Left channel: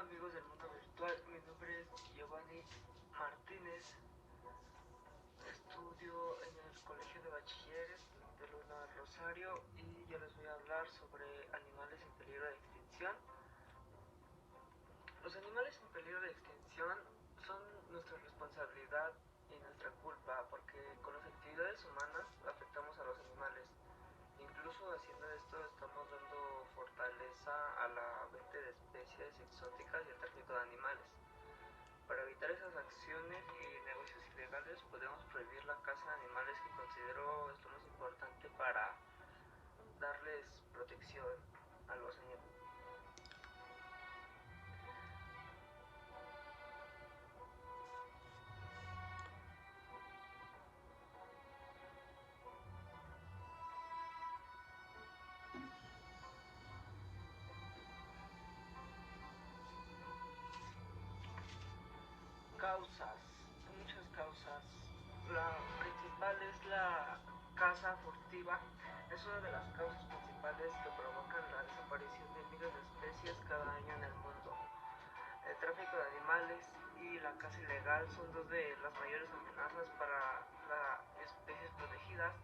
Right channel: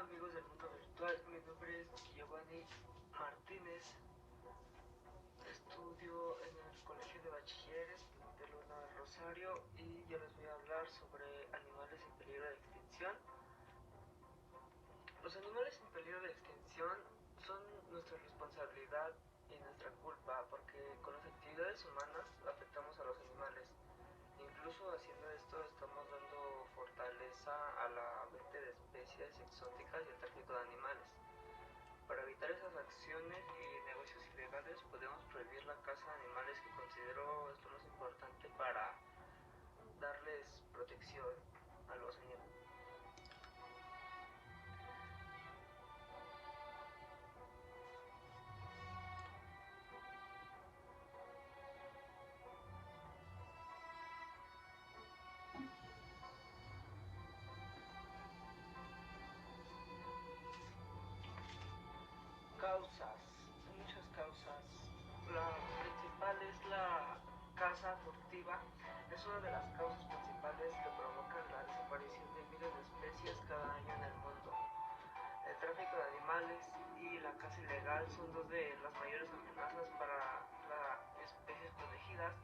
amigos del mundo virtual, mi nombre es Giovanni Martínez, estudio en el Colegio de Bachilleres de Luna Rosario y yo les voy a hablar sobre animales en peligro de extinción. Los animales en peligro de extinción son nuestra responsabilidad y nuestra culpa porque con las actividades humanas afectamos a los animales. Incluso haciendo esto estamos dando fortaleza a la venta de especies exóticas y el tráfico de animales. Para evitar esas acciones y negocios ilegales podemos prohibir la caza de animales, que considero esto más importante para darles protección a los animales. Causas, muchas causas. La principal es la caza furtiva. Es una de las causas principales que provocan la desaparición de miles de especies cada año en el mundo. El tráfico de animales y la caza ilegal son dos de las mayores amenazas para las especies protegidas,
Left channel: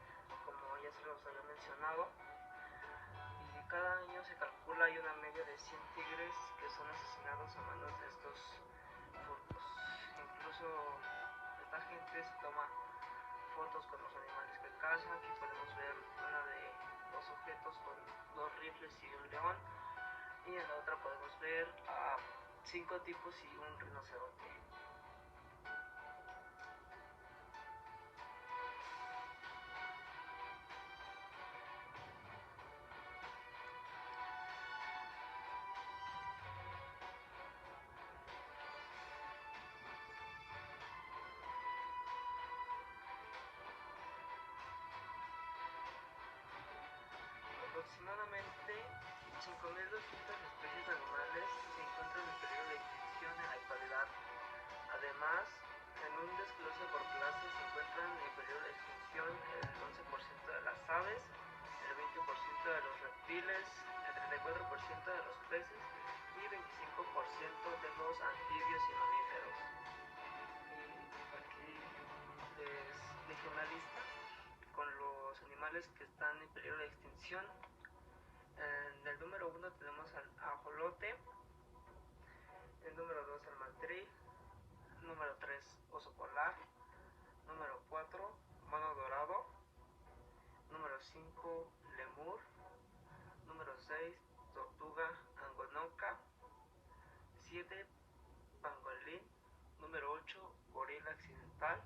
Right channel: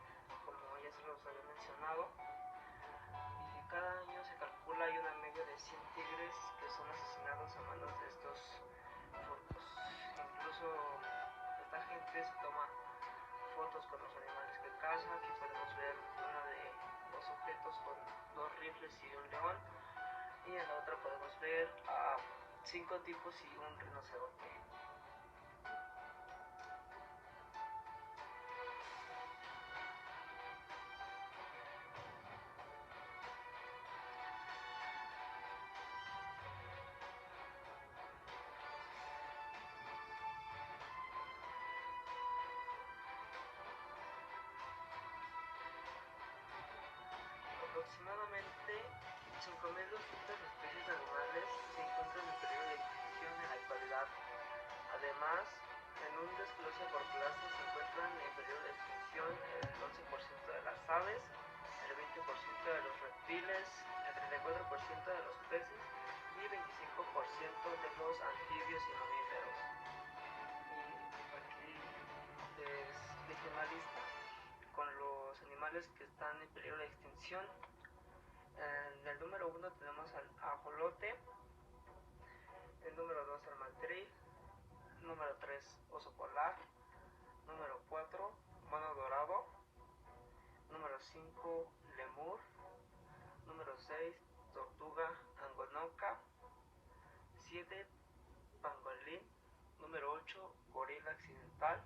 como ya se los había mencionado. Y cada año se calcula hay una media de 100 tigres que son asesinados a manos de estos furtos. Incluso esta gente se toma fotos con los animales que caza. Aquí podemos ver una de dos sujetos con dos rifles y un león, y en la otra podemos ver a 5 tipos y un rinoceronte. Aproximadamente 5.200 especies animales se encuentran en peligro de extinción en la actualidad. Además, en un desglose por clase se encuentran en peligro de extinción el 11% de las aves, el 20% de los reptiles, el 34% de los peces y 25% de los anfibios y mamíferos. Y aquí les dejé una lista con los animales que están en peligro de extinción. En el número 1 tenemos al ajolote, el número 2 al maltril, número 3 oso polar, número 4 mono dorado, número 5 lemur, número 6 tortuga angonoca, 7 pangolín, número 8 gorila occidental,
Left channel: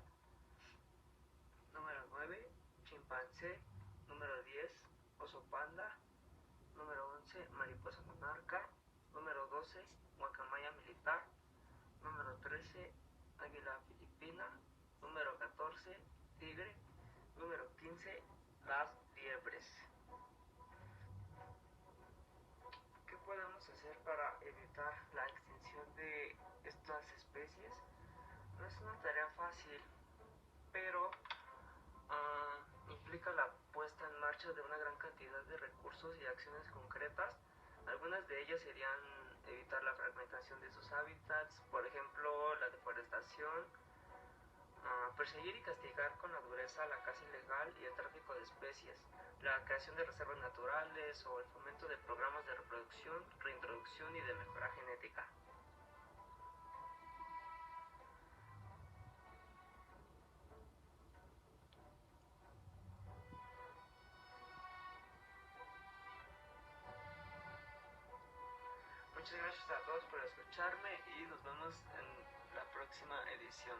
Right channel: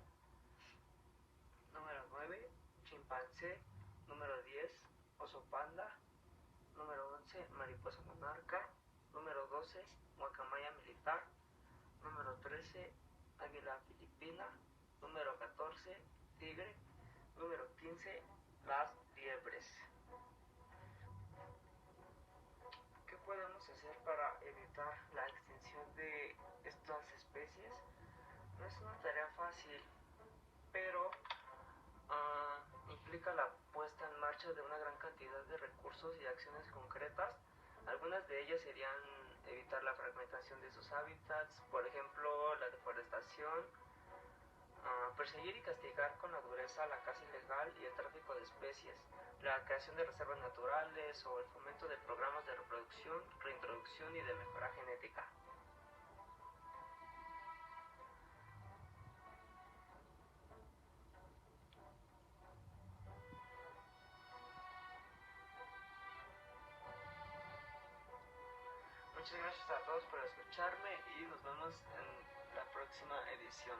número 9 chimpancé, número 10 oso panda, número 11 mariposa monarca, número 12 guacamaya militar, número 13 águila filipina, número 14 tigre, número 15 las liebres. ¿Qué podemos hacer para evitar la extinción de estas especies? No es una tarea fácil, pero implica la puesta en marcha de una gran cantidad de recursos y acciones concretas. Algunas de ellas serían evitar la fragmentación de sus hábitats, por ejemplo la deforestación, perseguir y castigar con la dureza la caza ilegal y el tráfico de especies, la creación de reservas naturales o el fomento de programas de reproducción, reintroducción y de mejora genética. Muchas gracias a todos por escucharme y nos vemos en la próxima edición.